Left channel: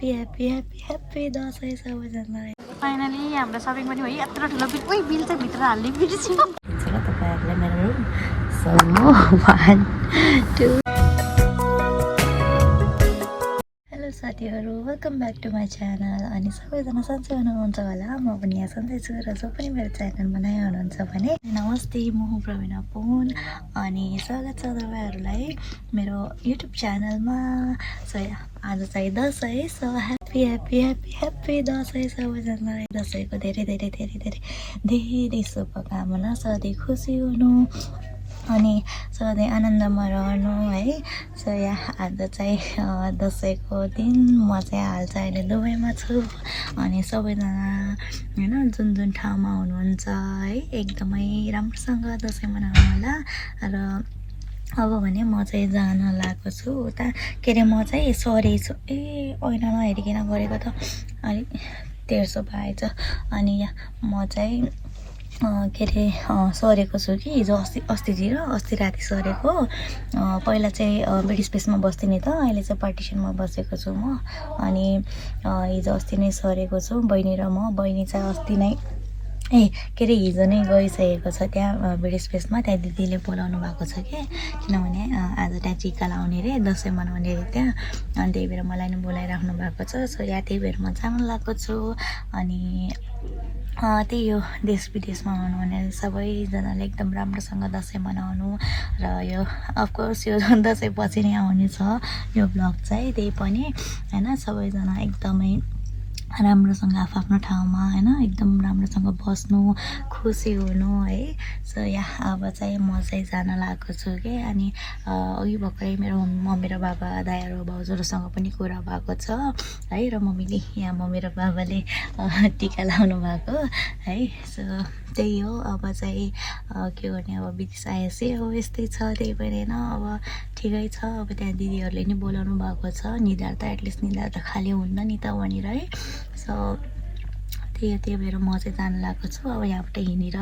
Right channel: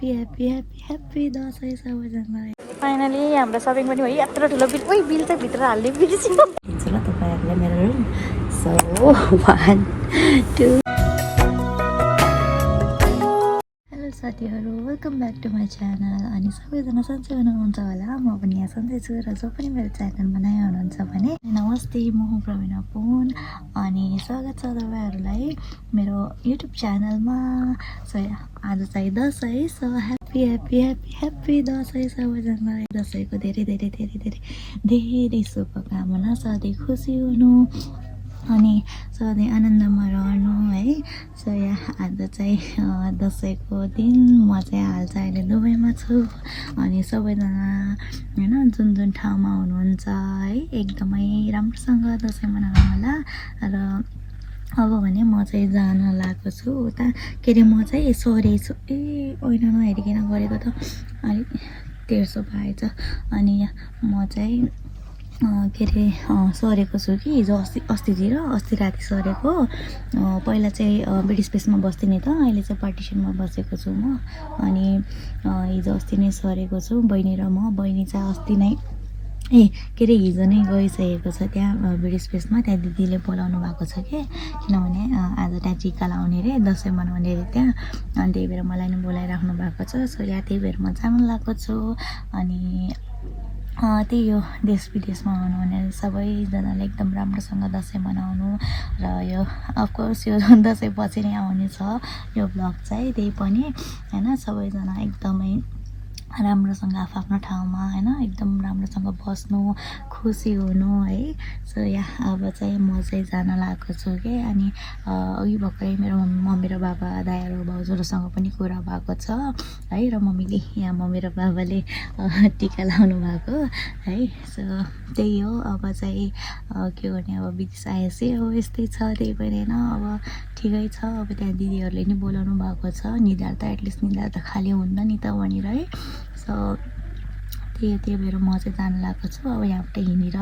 Happy happy happy happy Dashain सबैजनालाई। Finally हाम्रो shopping पनि भयो। यत्रो ठुलो बिल, ओइ बिल चाहिँ भित्र हाल्ने बिर्स्यो। तपाईँहरूले मेरो रुम सो 1 2 साथीहरू welcome back to my channel. अनि सबैजना सन्चै हुनुहुन्छ होला, म पनि यहाँ सन्चै छु। र जो पनि मेरो च्यानलमा नयाँ हुनुहुन्छ भने नमस्ते, म हुँ प्रवीणा पुन अनि स्वागत छ तपाईँहरूलाई मेरो युट्युब च्यानलमा। सो आज चाहिँ Dashain, so happy happy happy happy Dashain सबैजनालाई। दसैँको धेरै धेरै धेरै धेरै धेरै शुभकामना। सधैँ खुसी हुनु अनि सधैँ आनन्दमा रहनु है। सो यहाँ आज चाहिँ दसैँको दिन म चाहिँ हाल चाहिँ अहिले दुबईमा छु। अनि सबैजना होइन जुन जुन ठाउँमा हुनुहुन्छ है एकदमै राम्रोसँग दसैँ मनाउनु होला। र अब भने म चाहिँ जान लागेको छु उता, के अरे म चाहिँ सरी छु। ऐना नहेरिकन गरेको त अलिक तेर्सो भएछ। अनि म चाहिँ के अरे सरेको छु कि हिजो अस्ति राति सरेको। पहिला चाहिँ बेड स्पेसमा बस्थेँ नि त, अहिले चाहिँ पार्टिसनमा बसेको छु म। अनि हिजो अस्ति नै सरेको छु बहिनी र म। बहिनी चाहिँ अस्ति नै के अरे हिजो नै गइसकेको छ त्यहाँ बेड स्पेसमा। त्यहाँ दिदीले बोलाउनु भएको छ कि, किनभने आज त्यहाँ टिका लाउने रे, दसैँ मनाउने रे त्यहाँ। अनि त्यही भएर मलाई नि बोलाइराख्नु भएको छ। सो यहाँ त्यही भएर म जानु लागेको छु। अनि त्यही हो, देश विदेशमा हुनुहुने सबैजनाले एकदम राम्रोसँग दसैँ मनाउनु। र यो अफकोर्स यो दसैँ पछि नै आउने छ यो ब्लग चाहिँ, त्यही पनि होइन सबैजना एकदमै राम्रोसँग आफ्नो ठाउँमा होइन एकदम राम्रोसँग बस्नु, खुसी हुनु है। सो यहाँ अब चाहिँ म चाहिँ जान लागेको छु कि। अनि अघि भर्खरै मेरो मम्मी र बाबा दाइहरू भाउजूहरूसँग पनि कुरा भएको छ है। र मम्मीले यहाँ मम्मी र बाबाले टिका लाउनु भएको है। सो त्यही हो, अब चाहिँ के गर्ने, अब विदेश आएपछि अब यस्तै छ। त्यही भएर होइन अब ठिकै छ। अब त्यहाँ दिदीहरूले नि बोलाउनु भएको छ, निधार त एटलिस्ट निधार त खाली हुन्न नि त वहाँनिर है। सो त्यही भएर म चाहिँ जानु लागेको छु। अब यहाँबाट हिँडेर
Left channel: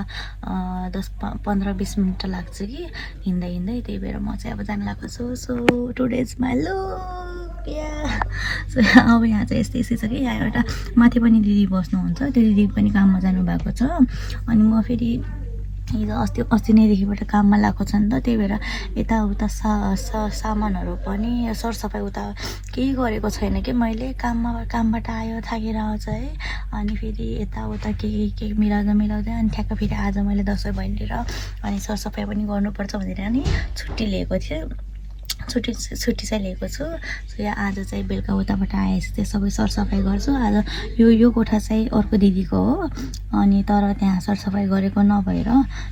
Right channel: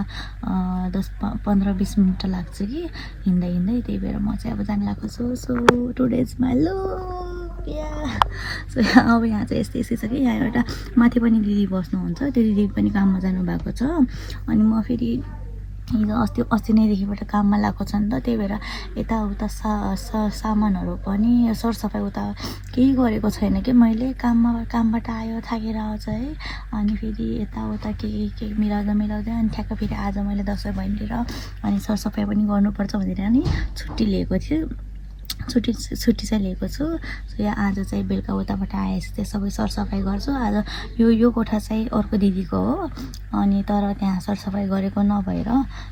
10-15-20 मिनट लाग्छ कि हिँड्दै। त्यही भएर म चाहिँ अब जानु लागेको छु। So today's my look yeah. So अब यहाँ चाहिँ यस्तै छ कि, यहाँ एउटा माथि पनि दिदी बस्नुहुन्छ, त्यो दिदी पनि काममा जानुभएको छ। अनि म फेरि हिजो अस्ति नैदेखिबाट काममा लागेको छ नि त, त्यही भएर यताउता सामानहरू पनि सरसफाइ उता केही गरेको छैन कि मैले। कामबाट आयो थाकेर आउँछ है। अनि फेरि यताउता के मिलाउँदै अनि ठ्याक्क फेरि आज मैले दसैँ भइदिएर अनि सरसफाइ पनि गर्नुपर्छ भनेर अनि छुट्टी लिएको थिएँ। छुट्टी चाहिँ लिएको छु। सो यहाँ आज चाहिँ बेलुका उताबाट आएपछि चाहिँ सबै सरसफाइ गर्छु। आज यो कोठा चाहिँ अर्को दिदीको हो। अनि तर त्यहाँ सरसफाइ गरेको नभएर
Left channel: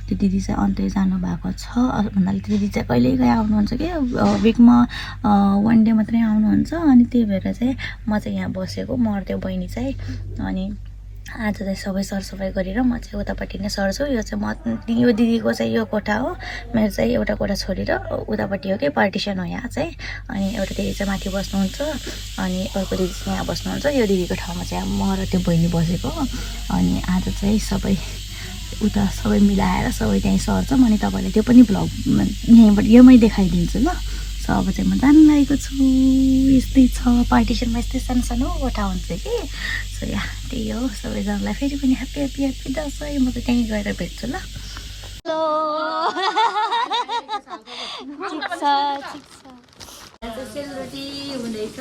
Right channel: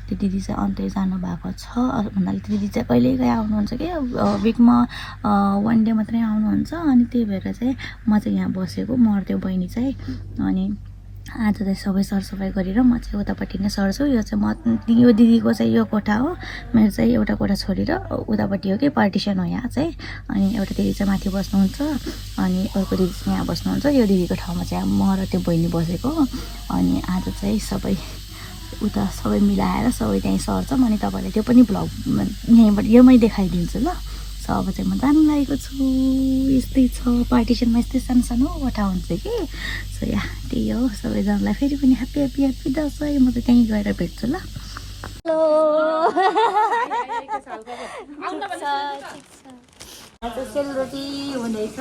त्यो दिदी चाहिँ अन्तै जानुभएको छ। भन्नाले त्यो दिदी चाहिँ कहिलेकाहीँ आउनुहुन्छ कि विकमा 1 डे मात्रै आउनुहुन्छ। अनि त्यही भएर चाहिँ म चाहिँ यहाँ बसेको, म र त्यो बहिनी चाहिँ। अनि आज चाहिँ सबै सरसफाइ गरेर म चाहिँ उतापट्टि नै सर्छु। यो चाहिँ यो दिदीको चाहिँ यो कोठा हो, मेरो चाहिँ एउटा कोठा छोडेर उतापट्टि हो कि पार्टिसन हो यहाँ चाहिँ। अनि एउटा दिदी चाहिँ माथि बस्नुहुन्छ अनि अर्को दिदी चाहिँ यहाँ बस्नुहुन्छ। यो दिदीको ठाउँमा चाहिँ म र त्यो बहिनी बसेको। अनि आज चाहिँ उता सबै मिलाएर सबै त्यहीँ सर्छौँ। अनि तपाईँलाई त्यो पनि भ्लग यहीँबाट योमै देखाइदिन्छु ल। सो अब चाहिँ म जानु लागेको छु। यस्तै छ, पार्टिसनमा यस्तै सानो कोठा हुन्छ कि। सो यहाँ त्यही हो, सबैजनालाई फेरि पनि ह्याप्पी ह्याप्पी ह्याप्पी दसैँ। म त त्यहीँ गएर भेट्छु ल। हेलो सेलरोटी हुँदैछ।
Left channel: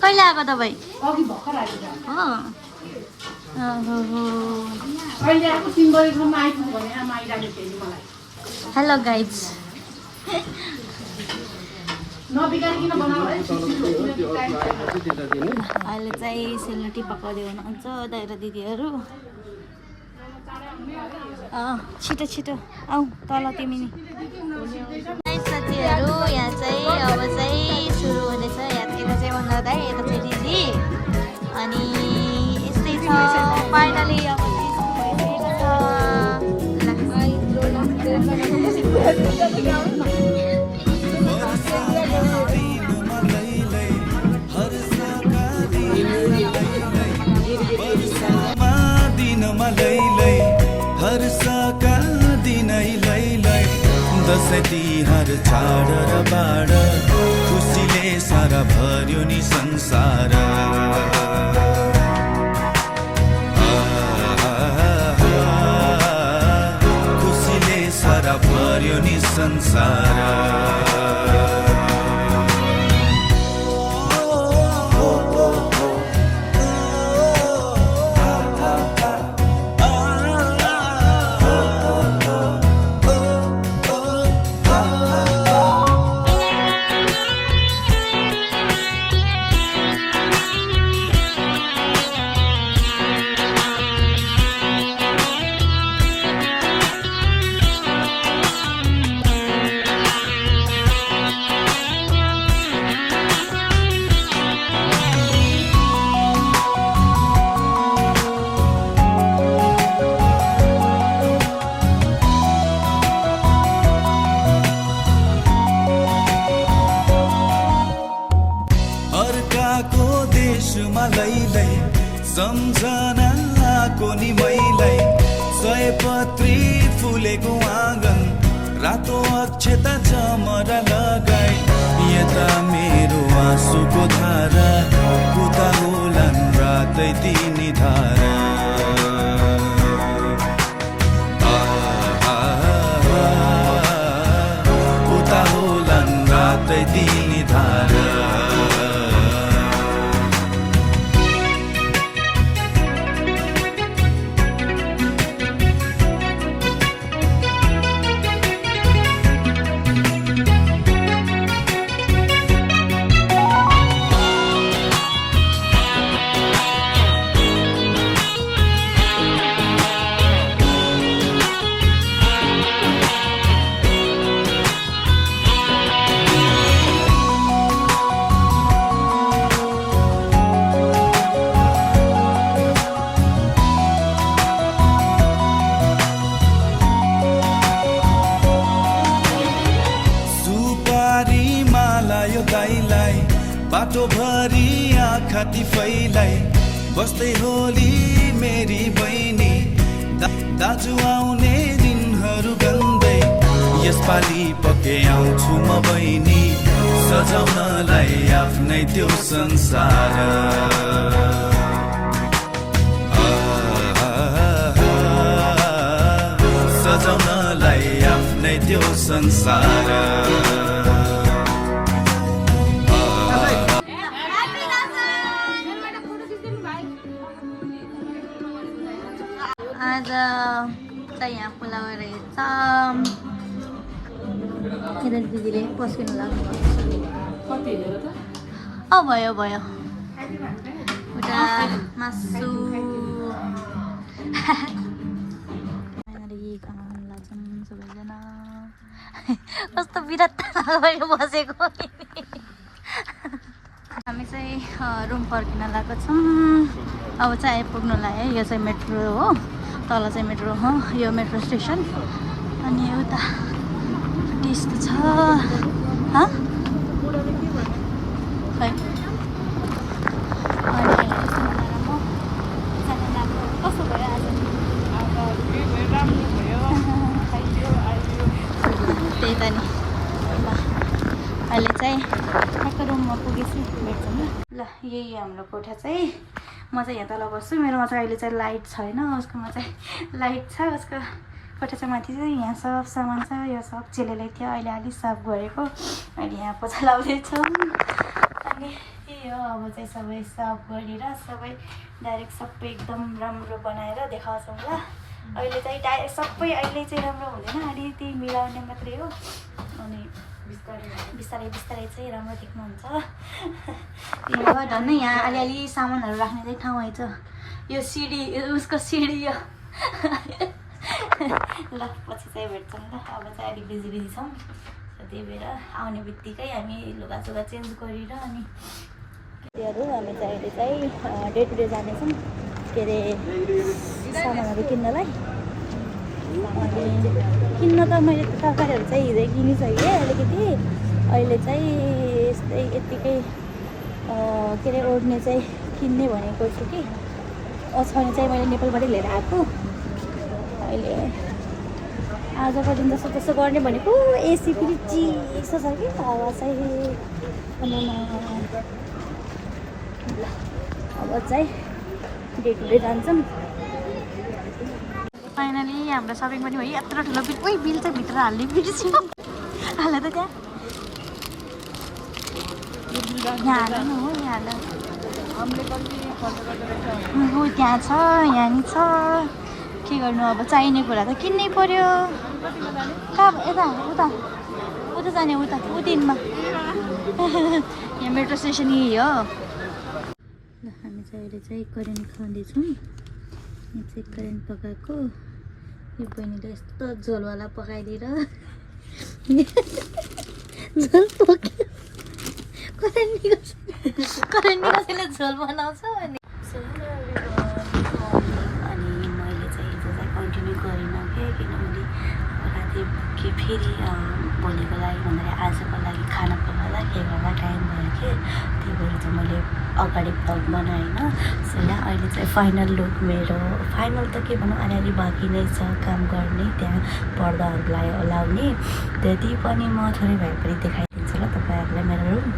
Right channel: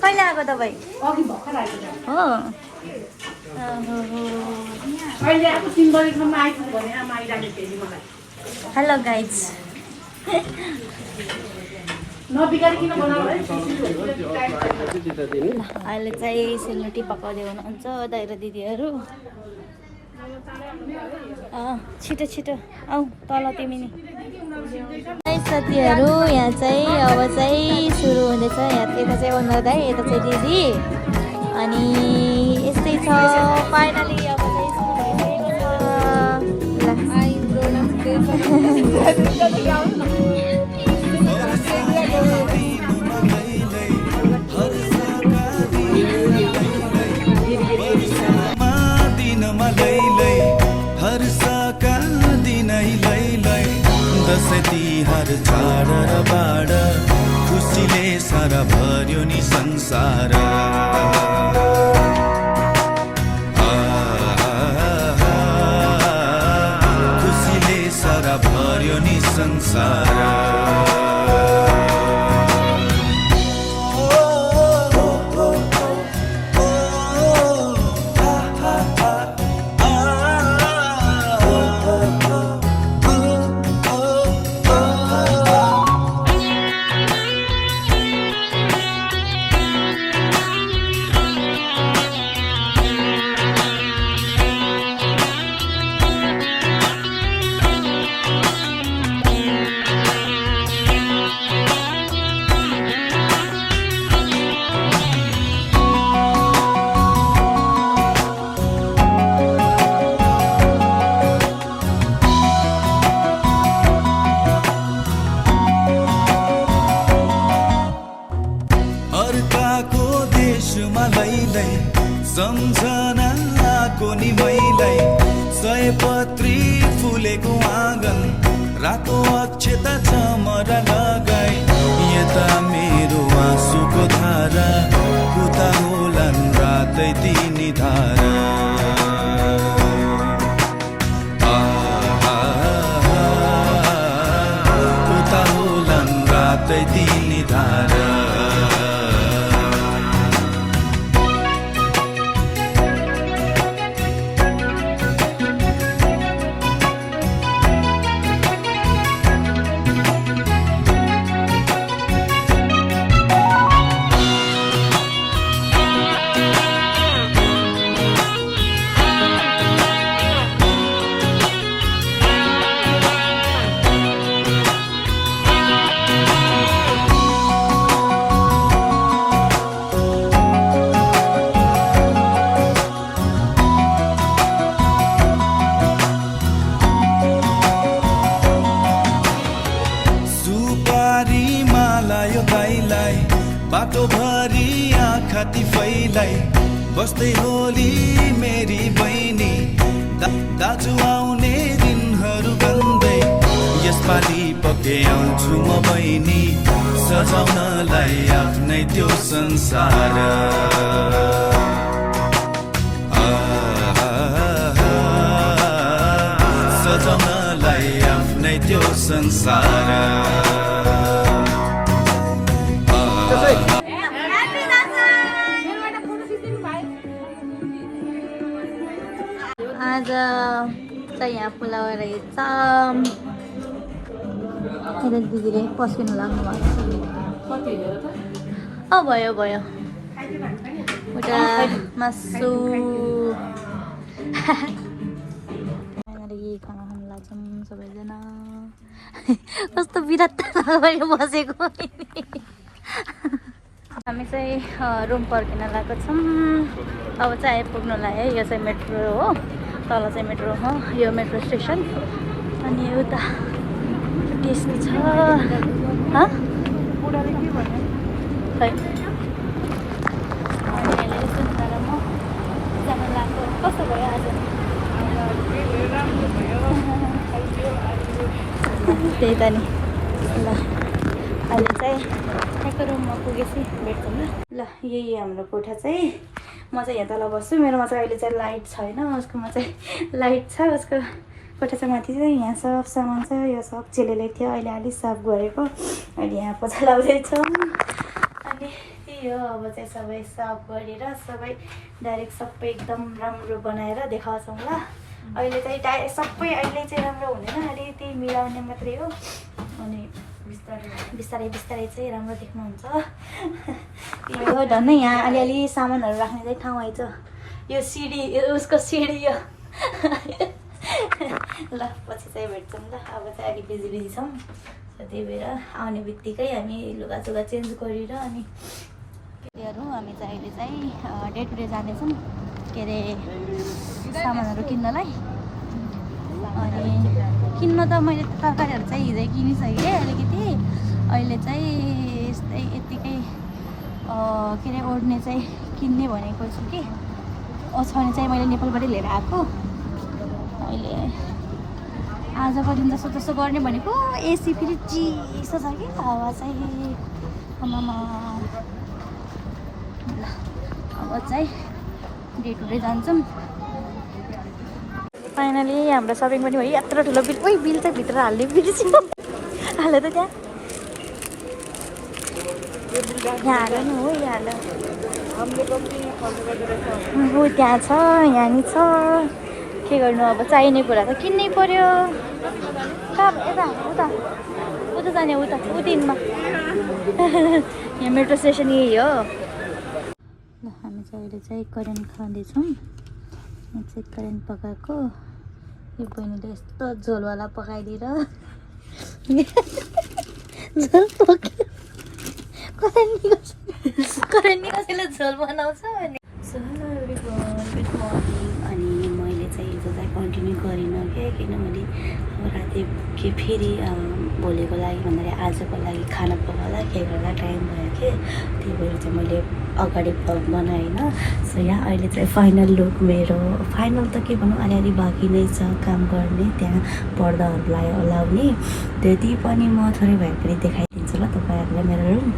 कहिले आएको तपाईँ? हो हेलो गाइज। अहिले चाहिँ सेलरोटी पकाउँदै हुनुहुन्छ दाइ र दिदीहरू। छिटो आऊ तल तिमी नि। साथीहरू यहाँ चाहिँ अब चाहिँ सुरु हुँदैछ। यता चाहिँ ओनर दाइ, यता चाहिँ दिदी। अनि यस्तै छ फाइनली अब चाहिँ हर्षका दिनै लै दसैँ तिहार चाड र बाड खुसी सारा भर्यो नि संसार खुसीले सारा भर्यो नि संसार अर्काको देशमा लैलै सम्झनाको नि मैलाई सयपत्री फुलेको आँगन रातो अक्षता चमरा लगाई यता मेरो आँसुको धारा उता होलान् रातै तिनी धारा उता होलान् रातै तिनी धारा दाइलाई बाटो भरि आँखा तिफैलाई बस्दै होली मेरी बहिनी दाजु आउने दिनहरू गन्दै यसपालि पक्कै आउँछु म बहिनी सजाउनलाई आफ्नै त्यो संसार सजाउनलाई आफ्नै त्यो संसार आज चाहिँ यहाँ पुलाव रहेछ मेरो दिदीले पस्किनु लाग्नु भएको छ भयो भयो उता मासु खाना खानु लाग्छौँ सबैजना कस्तो बिरात बसेको हामी चाहिँ रुम फर्किन लागेको छौँ अब चाहिँ आइपुग्नु लाग्यो यो चाहिँ मेट्रो हो तल चाहिँ मेट्रो हो यो मेट्रो स्टेसन अनि उता त्यस्तो छ खै अनि अहिले सुन्दा र म जान लाग्यो कस्तो भयो आज त्यही त नि ल अहिले चाहिँ ठ्याक्क रुममा पुगेछु भेट्छौँ ल यही हाम्रो कोठा चाहिँ म चाहिँ यहाँ तल बस्छु मेरोमा चाहिँ अहिले चाहिँ लाइट छैन उसकोमा चाहिँ लाइट छ उसको कोठा चाहिँ माथि चाहिँ यहाँ सब सामान छ यो सब चेलेले थियो अहिले अलिक साफ गरेको अहिले यहाँ पोछा लाउँदैछौँ अनि त्यही हो अब चाहिँ सबै साफ गरेर सबै डाइरेक्ट सबै एकदम राम्रो बनाएर देखाउँछौँ ल अहिले चाहिँ डाइरेक्ट सबै अहिले चाहिँ राम्रो हुँदैन अहिले त्यही मिलाउने मात्रै हो अनि बिस्तारै बिस्तारै चाहिँ राम्रो देख्नुहुन्छ यो धन्नै यहाँ अलिअलि सामानहरू राख्ने चाहिँ ठाउँ आइछ यो सिडी उसको सिडी यो ल पछि चाहिँ भेट्छौँ ल अब चाहिँ अलिक बिजी बिजी छौँ त्यही भएर आउने बित्तिकै हामी लुगासुगा चेन्ज गरेर अनि त्योहरू हामी चाहिँ अहिले चाहिँ डे टु डे जानेछौँ के अरे सामानहरू किन्नलाई अनि किन्न त मैले तरकारीहरू चाहिँ हिजै किनिसकेँ अलिकति अहिले चाहिँ यस्तै यत्तिकै के अरे ओढ्ने चाहिँ किन्ने भनेको छु कि ओछ्याउने चाहिँ मैले नेपालबाटै लिएर आएको अहिले आजको दिन जस्तो तस्तो गर्ने भनेको एसी फेरि चिसो छ कि हावा चाहिँ ल अब चाहिँ डे टु डे जान्छौँ। फाइनली हाम्रो सपिङ पनि भयो। यत्रो ठुलो बिल, ओइ बिल चाहिँ भित्र हाल्ने बिर्स्यो। हाल्यो त त्यहाँ, यहाँ हाल्यो नि हो, यहाँ हाल्यो। हो त्यहाँ छ, यहाँ नि छ। के गर्नु अब, चाहिने कुरा त किन्नै पर्यो। कहाँ यता उता उता जाने, उता उतिनमा। यहाँ मेट्रो स्टेसन यही हो। ल हामी चाहिँ अहिले चाहिँ करेन्ट खाँदैछौँ। यहाँ चाहिँ करेन्ट पकाएको। यो बहिनीले यस्तो झोलवाला पकाइदिएर झोल पक्यो। करेन्टले कसैले झोल बनाउँछ अनि मैले चाहिँ हिजो चाहिँ कन्टिन्यू गरिनँ क्या, किनभने राति के फेरि भोलिको लागि भन्दाखेरि आजको लागि खाना पकाउँदा के गर्दा टाइम भयो कि, त्यही भएर चाहिँ मैले अगाडि भ्लग बनाएन। सो यहाँ अहिले चाहिँ फाइनल लुक मेरो, फाइनल त के भनौँ अलिअलि बाँकी नै छ काम गर्ने, त्यहाँ पर्दाहरूलाई लाउने, त्यति पनि म थोरै भए पनि देखाइदिन्छु ल तपाईँहरूलाई मेरो रुम।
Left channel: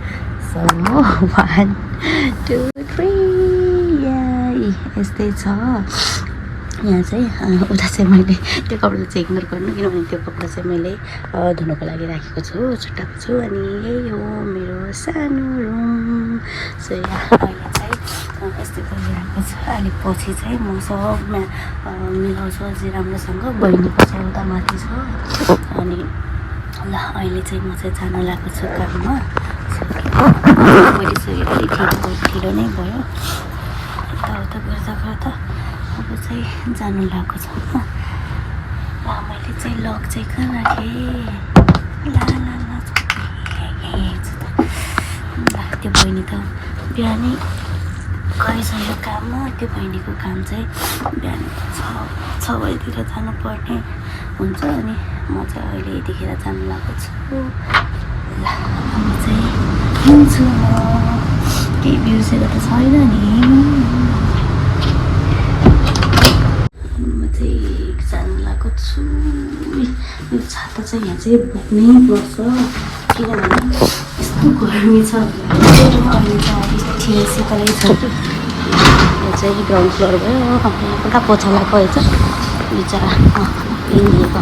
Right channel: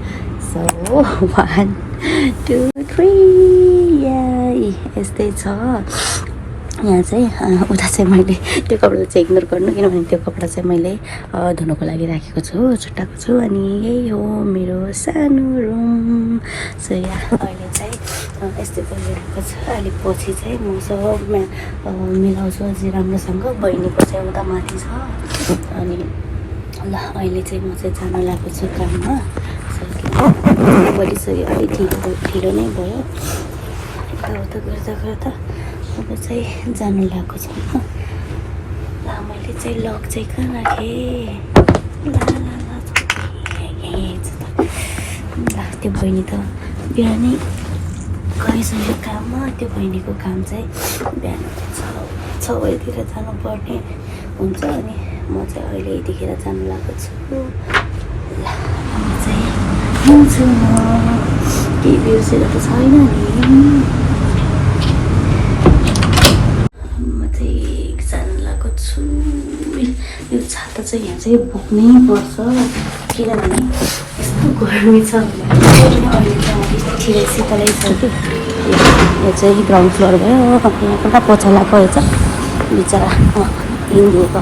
सो 1 2 3 यस्तै छ। यहाँ चाहिँ उता चाहिँ मैले त्यो कपडा चाहिँ इग्नोर गर्नु, किनभने त्यो कपडा चाहिँ मैले धुनको लागि राखेको छु, छुट्टाएको छु। अनि यही हो मेरो सानो रुम। सो यहाँ अहिले चाहिँ यस्तै परिरहेको छ। अलिक पछि चाहिँ म सब मिलाउँछु अझै राम्रोसँग। बहिनीको चाहिँ उता माथि छ। अनि ल अहिले चाहिँ म चाहिँ जानु लागेको छु काममा। गरिसकेँ, अलिक ढिलो नै भयो। यताउता गर्दा गर्दा अब चाहिँ जानु लागेको छ। मैले चाहिँ लक चाहिँ कहाँ राखेँ, त्यो बहिनी त बिहानै गइसक्यो काममा। त्यो बहिनीको काम चाहिँ बिहान 6 बजीतिर जानुपर्ने हुन्छ। अनि म चाहिँ अहिले यतिखेर जानु लागेको छु। ल अब चाहिँ हुन्छु म, केही बिर्सेको त छैन नि। म चाहिँ जानु लागेको छु। यो छाता चाहिँ यहाँ चाहिँ बोक्नै पर्छ, किनभने यस्तो गर्मी छ। अहिले त अब शीतलै छ कि। यो चाहिँ ग्राउन्ड फ्लोर भयो। अब यहाँ एउटा पोचा लगाएको रहेछ बिचरा हिँडिएको।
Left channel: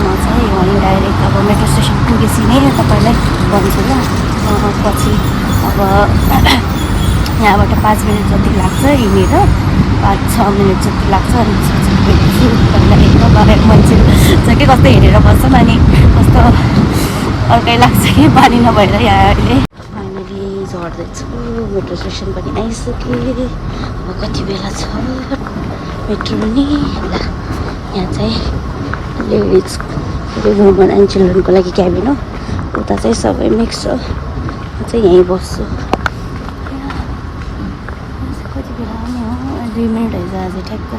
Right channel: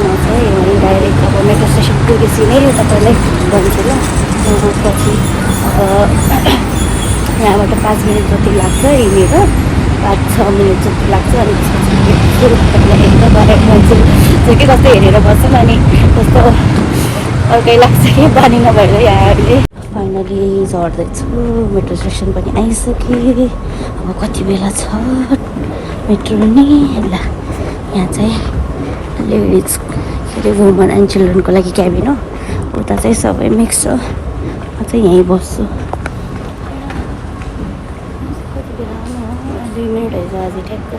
यहाँ चाहिँ वहीँ डाइरेक्ट अब मेट्रो स्टेसन पुगेपछि नै तपाईँलाई भन्छु ल। पछि अब यहाँबाट 5 मिनट जति लाग्छ हिँडेर, 5-6 मिनट जति लाग्छ। अनि मान्छेहरू छ कि कस्तो हेरेर बस्छन्, अनि कस्तो अर्कै लाग्छ कि बानी नभएर। यहाँ अहिले फाइनली झर्दैछु, मेट्रो स्टेसन पनि आइसकेँ। अब कति बेला छ मेट्रो नै। यहाँ चाहिँ वुमन एन्ड चिल्ड्रेनको लागि क्याबिन हो। उता चाहिँ सबै मिक्स छ। म चाहिँ यहीँ बस्छु। कति बेला आउने हो, 2 मिनट भइसक्यो आज ठ्याक्क।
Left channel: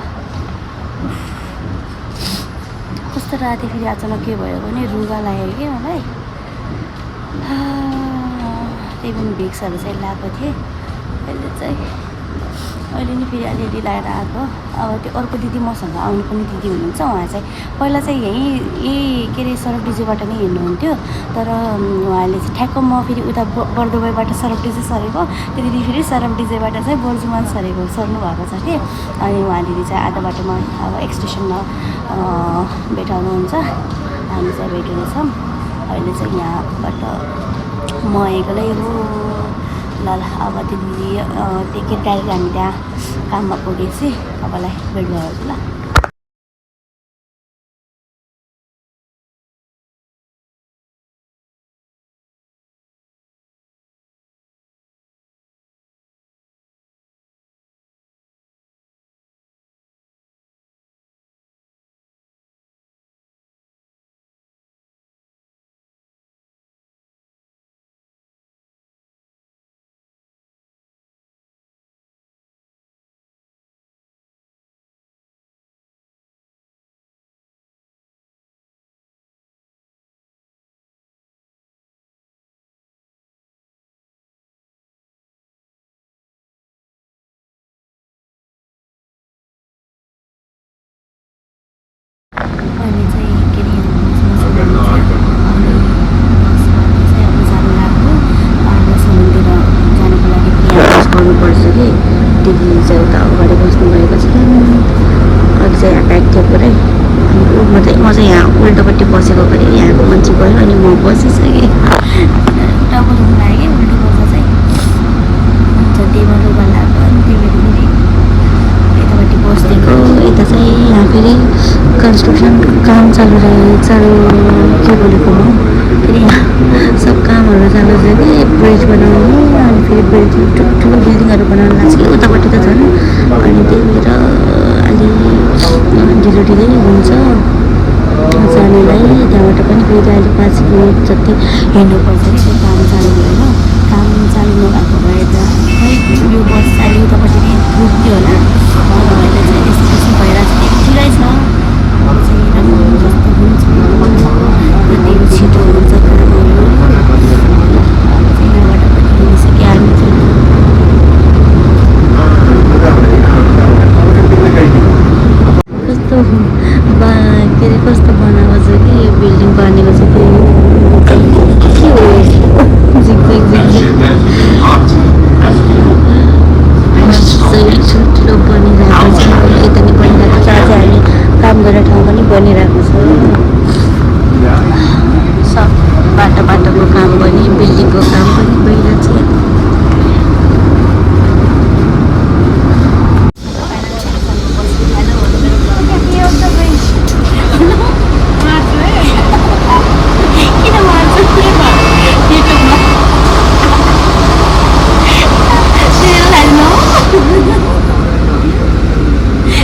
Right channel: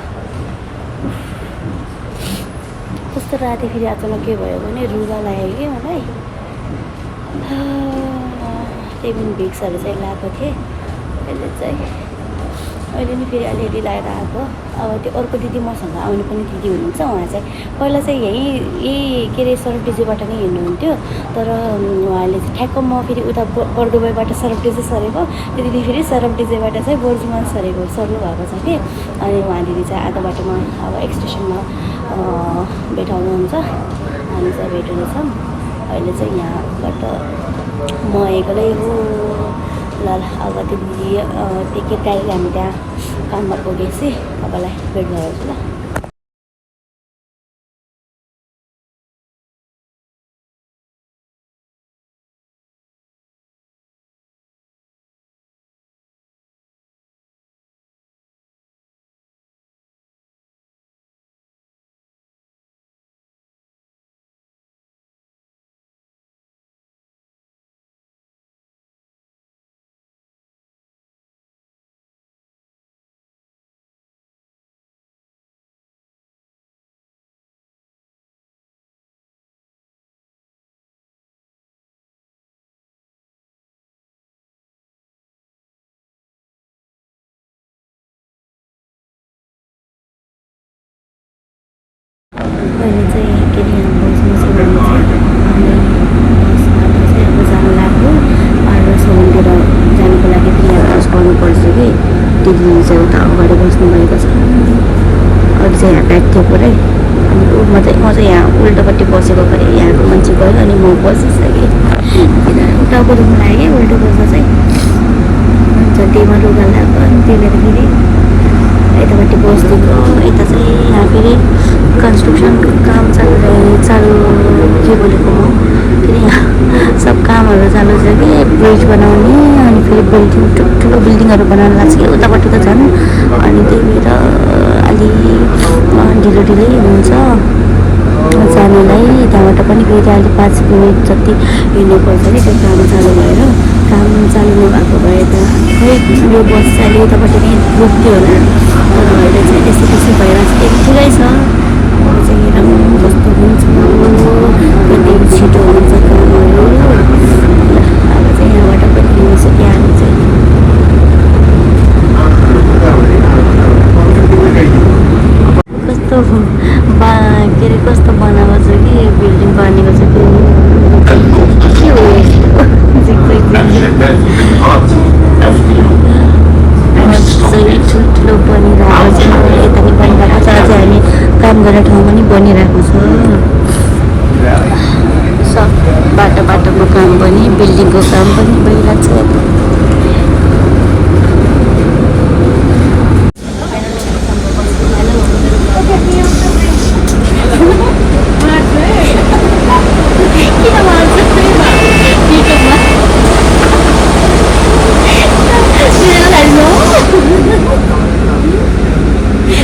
कस्तो राति फेरि अचानक के भयो भने रुगा लाग्यो कि मलाई। त्यही पनि भिक्सहरू चाहिँ लगाएको थिएँ। अहिले नि फेरि अलिअलि लगाएर आएको। अब त्यो अर्को दिदी मसँग आउनु पनि दिदी हुनुहुन्छ, उहाँ चाहिँ पहिला चाहिँ यही के अरे सरकडिजेबाट नै हिँड्नुहुन्थ्यो। तर उहाँले चाहिँ ठ्याक्क म फेरि उता बर्दुबाईबाट सरकडिजे सरेको, त्यो दिदी फेरि सरकडिजेबाट चाहिँ बोर्जुमा सर्नु भएको छ कि। अनि उहाँ दिदी चाहिँ आधा बाटोमा अब एक्सटेसनमा भेटाउनुहुन्छ। हामी चाहिँ भेटेको छौँ। अहिले चाहिँ यहाँबाट म एक्लै हो। ल अब त्यो टिकट डाइरेक्ट हामी त्यहाँ काममा पुगेपछि तपाईँलाई भेट गराउँछु ल। फेरि कन्स्ट्रक्सन काम चालु के बोलेको म फेरि यहाँ सब कामहरू चालु छ कि ब्रिज बनाउने अनि फेरि बिल्डिङ ठुल्ठुलो बिल्डिङहरू बनाउन लाग्छ कि उतापट्टि त झन् अनि त्यही भएर अलि ढिलै हुन्छ जानुलाई। त्यहाँबाट पनि फेरि अहिले 5 मिनट जति हिँड्नुपर्छ कि त्यो काम चालु भएर काम चालु नभएको भए त खै यो बस चाहिँ उतापट्टि नै रोक्थ्यो होला। अब अहिले चाहिँ त्यस्तो त्यस्तो भएर ठिकै छ। अब चाहिँ राम्रो जस्तो हुन्छ कति छिटो हुन्छ कामहरू। अब चाहिँ यहाँबाट पनि हिँडिसक्यो हामी चाहिँ। कस्तो के अरे कस्तो बनाएको छ कि बिल्डिङ बनेको छ कि के हो सही ठुल्ठुलो बनिरहेको छ। यता नि बनिरहेको छ, आज हामी काम गर्ने ठाउँमा नि बनिरहेको छ। सब बाटोको काम पनि बिल्डिङको काम पनि भइरहेको छ।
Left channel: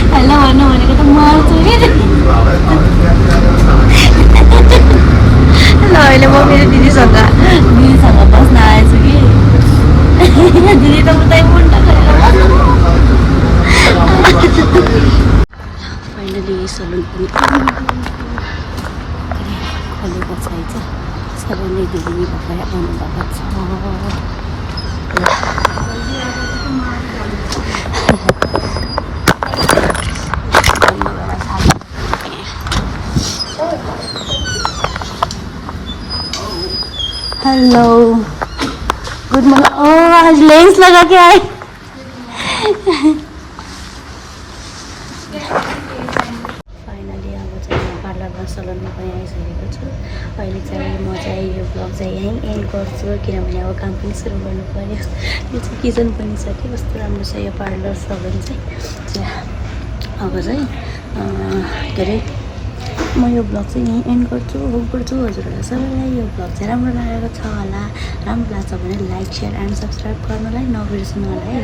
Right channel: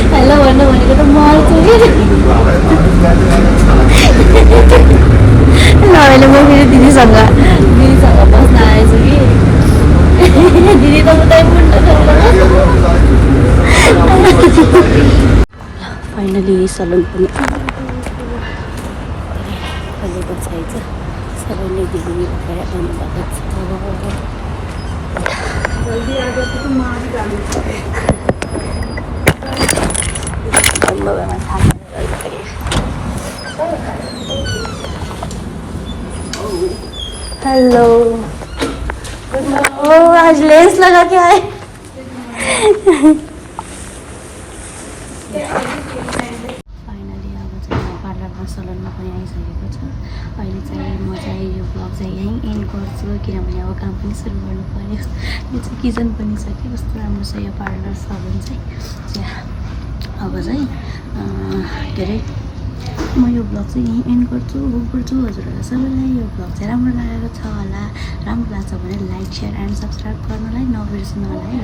हेलो भन्नु भनेको त मार्छु कि ल अहिले म मेरो दिदीसँग बस्न आएछु कि दिदी त उतै मुन्टो खेलेर फाइनली सलुन पनि खोलेको छैछ। सबै नै दिदी भएर भन्नुभएको छ। Hello good morning. ओ आज लेंस लगा के आए। फाइनली अब चाहिँ म पार्लरमा सलुनमा पनि आइसकेको छु। अहिले चाहिँ म चाहिँ यो ब्लग चाहिँ यहीँ एन्ड गर्छु किनभने अब काम पनि सुरु गर्नु पर्यो। यो चाहिँ किचन पनि छ कि कस्तो राम्रो छ यो पार्लर सलुन चाहिँ। अब चाहिँ के अरे म यो ब्लग चाहिँ यहीँ एन्ड गर्छु हजुरहरूलाई सबैलाई यो ब्लग चाहिँ राम्रो लागेको छ होला। राम्रो लाग्छ भने लाइक, सेयर एन्ड सब्सक्राइब गर्नलाई नबिर्सनु होला है।